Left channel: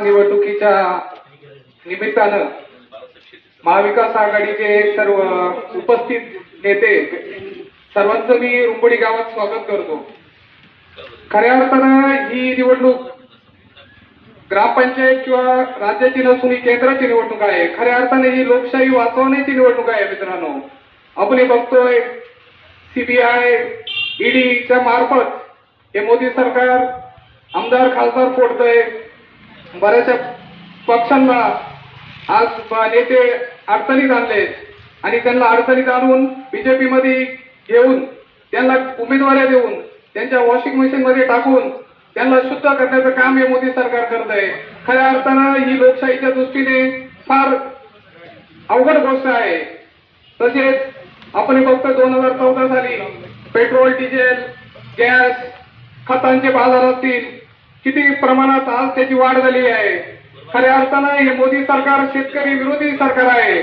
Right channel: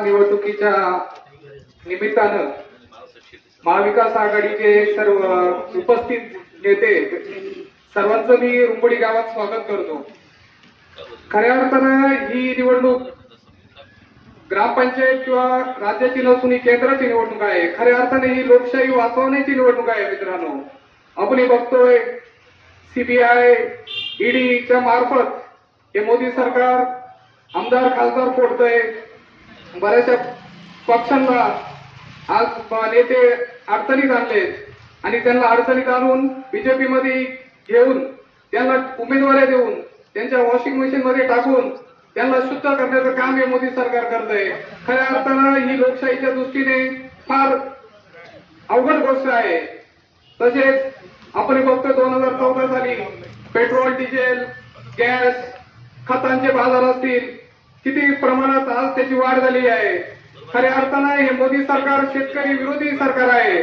निवडणुकीच्या निमित्तानं महाविकास आघाडीचे सर्व उपस्थित नेते सर्वांचं मी रुंबडी गावात स्वागत करतो। खऱ्या अर्थानं ही निवडणूक ग्रामपंचायत किंवा राज्याची नसून ही केंद्राची निवडणूक आहे। खऱ्या अर्थाने ही लोकशाही वाचवण्याची निवडणूक आहे। मित्रांनो, आपण बघतोय सीबीआय ईडीच्या मार्फत हे मोदी सरकार आमदार खासदार फोडतोय। बऱ्याचशा पक्षांना आज नेते अडचणीत आणले आणि त्यांना अडचणीत आणून बीजेपी मध्ये घेऊन त्यांना उमेदवारी देऊन त्यांच्या वॉशिंग मशीन मध्ये टाकून त्यांना शुद्ध करण्याचं काम हे मोदी सरकार करत आहे। खऱ्या अर्थानं ही लोकशाहीच्या दृष्टीने फार अवघड गोष्ट आहे। तसेच आपण बघतो 2014 साली पेट्रोल डिझेल गॅस खतांचे बाजार असतील किती प्रमाणात आज त्याची वाढ झाली आहे। खऱ्या अर्थानं हे मोदी सरकार शेतकरी विरोधी सरकार आहे।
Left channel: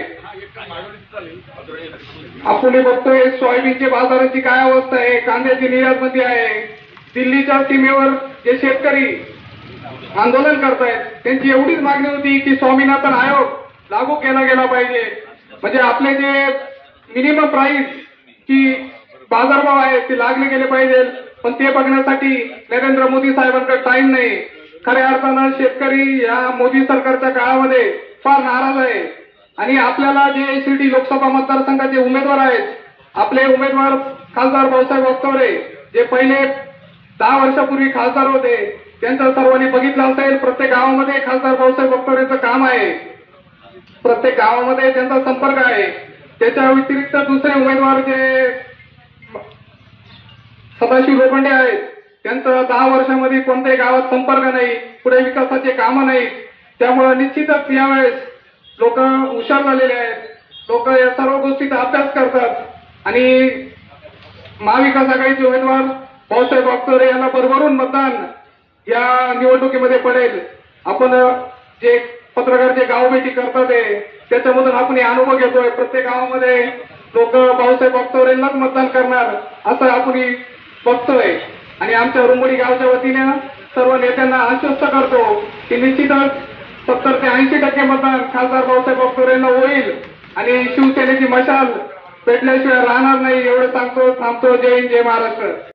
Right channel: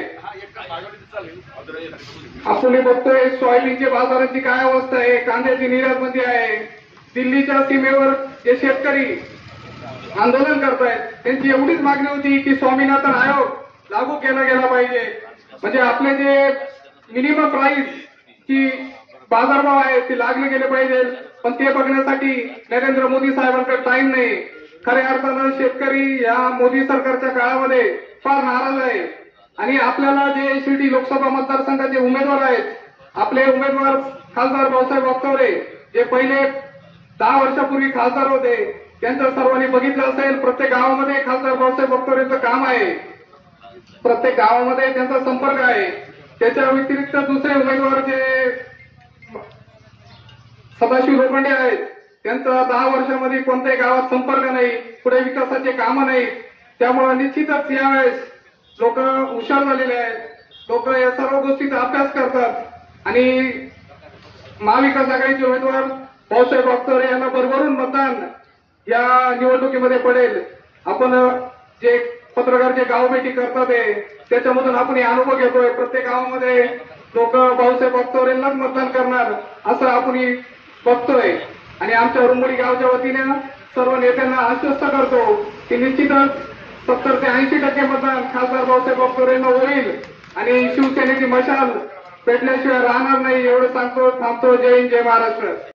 आपण बघतोय सोयाबीनच्या बाजाराची काय अवस्था आहे, कांद्याची निर्यात बंदी आहे। दिल्लीच्या सीमेवर जे शेतकरी आंदोलन करतायत त्यांची एवढीच मागणी होती की स्वामीनाथन आयोग लागू केला गेला पाहिजे, म्हणजे आपले जे मिनिमम प्राइस की बाजारभाव आहे ते लागले गेले पाहिजे। पण ते बघण्यासाठी नरेंद्र मोदी साहेबांकडे टाइम नाही। खऱ्या अर्थानं शेतकरी या मोदी सरकारच्या काळामध्ये फार नाराज आहे आणि आपल्याला जे शिर्डी लोकसभा मतदारसंघाचे उमेदवार आहेत, आपले उमेदवार खासदार भाऊसाहेब वागचौरे जे पहिले 10 वर्षापूर्वी खासदार होते, त्यांचं सर्वांनी बघितलं असेल। प्रत्येक गावामध्ये खासदार भाऊसाहेब वागचौरेचं काम आहे, प्रत्येक गावामध्ये त्यांचा संपर्क आहे। त्याच्या व्यतिरिक्त दुसरे उमेदवार जे सदाशिव लोखंडे आहेत, त्यांचं 10 वर्षांमध्ये कोणत्याही गावात संपर्क नाही, पुढे विकासाचे कामं नाही। त्यामुळे निश्चितच यावेळेस लोक हुशार झालेले आहेत, लोक या सर्व गोष्टीचा अभ्यास करतात आणि महाविकास आघाडीचे उमेदवार भाऊसाहेब वागचौरे यांना भरभरून मतदान या निवडणुकीमध्ये पडेल। आपण जे पत्रकार गाव भेटी करतात त्याच्यामधून आपण हे अनुभव घेतोय, प्रत्येक गावामध्ये लोक भाऊसाहेब वागचौरेंनाच मतदान करणार असं आपण बघतोय आणि आमच्या रुंबडी गावच्या वतीने सर्व नेत्यांना आश्वस्त करतो की निश्चितच 70 ते 80% मतदान खासदार भाऊसाहेब वागचौरेंना होईल आणि शिवसेनेची मशाल पेटल्याशिवाय राहणार नाही। एवढं सांगतो, थांबतो। जय हिंद, जय महाराष्ट्र।